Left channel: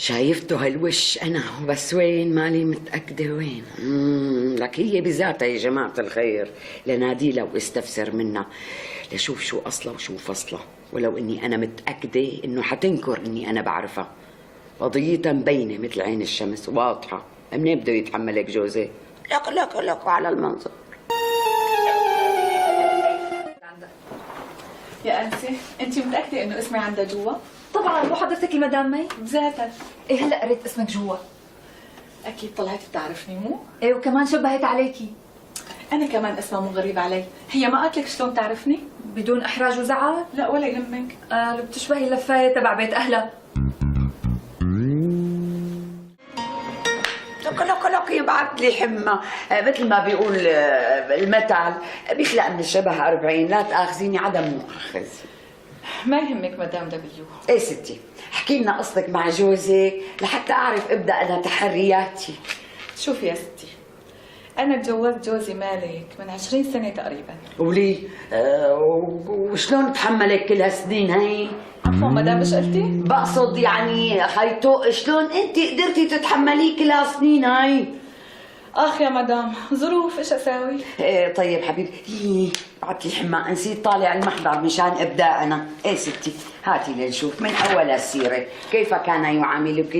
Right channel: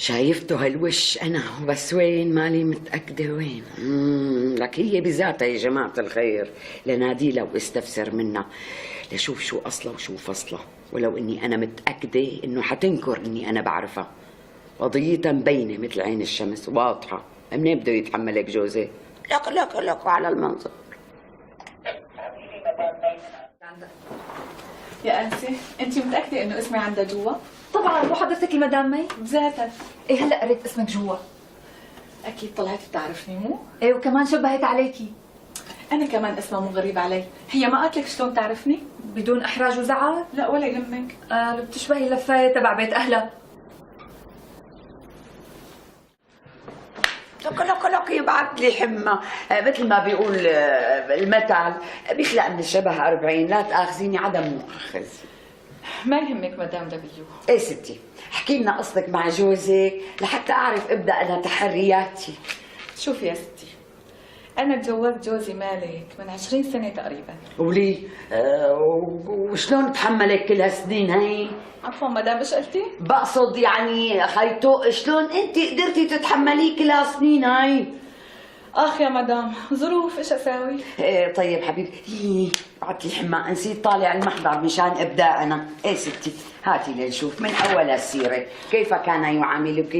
شايفته هالوش انا، بس وين مالي متاكده وين. لك هي بذاتها يا جماعه الخير لناديلها واستفسر منها لشوف شو اصلها وشو فصلها، ولو اني انا متاكده انه حتنكر اني انا بعرفها. قضيتها مبينه مثل عين الشمس واضحه. منين بده يتحمل هيك جوزي؟ لك على المنظر. يا أنسي، أنت متأكدة إنه اسمي عندها جوا؟ طبعا، مو حضرتك المدام مي؟ بذاتها. ايه هلا قريت اسمك جوا. أكيد طلعت بتعرفني مو؟ ايه وكمان شبهت عليكي. أنا كمان اسمها مو غريب علي، هي ما قالت لك شلون تعرفني؟ بدون احراج وزعل؟ لا ولا يهمك. لو بتشبهي اللفايه تبع بيت اهلها. لك يبعث لي حمى، مثل ما بيقول المثل بيخلق من الشبه 40. لا تاخذيني عدم مؤاخذه. ما يهمك مدام دبليو. ايه ستي، احكي لنا قصتك مع جوزك لحتى اعرف ابدا انا تحرياتي. شوفي يا ستي، أنا تجوزت جوزي مالك من 20 سنة تقريبا. ولي وشلون تحملك كل هالسنين هي؟ عفوا مدام ايش قلتي؟ بقصد يعني خيطو شلون انت قدرتي تتحمليه كل هالسنين هاي؟ اخ يا مدام، ظروف ايش اساوي؟ ايه طيب حبيبتي، بعت لي حما نسيت طالع المحضر مشان ابداءنا. ايه ستي هاتي لنشوف من اول السيره كيف كان يعاملك.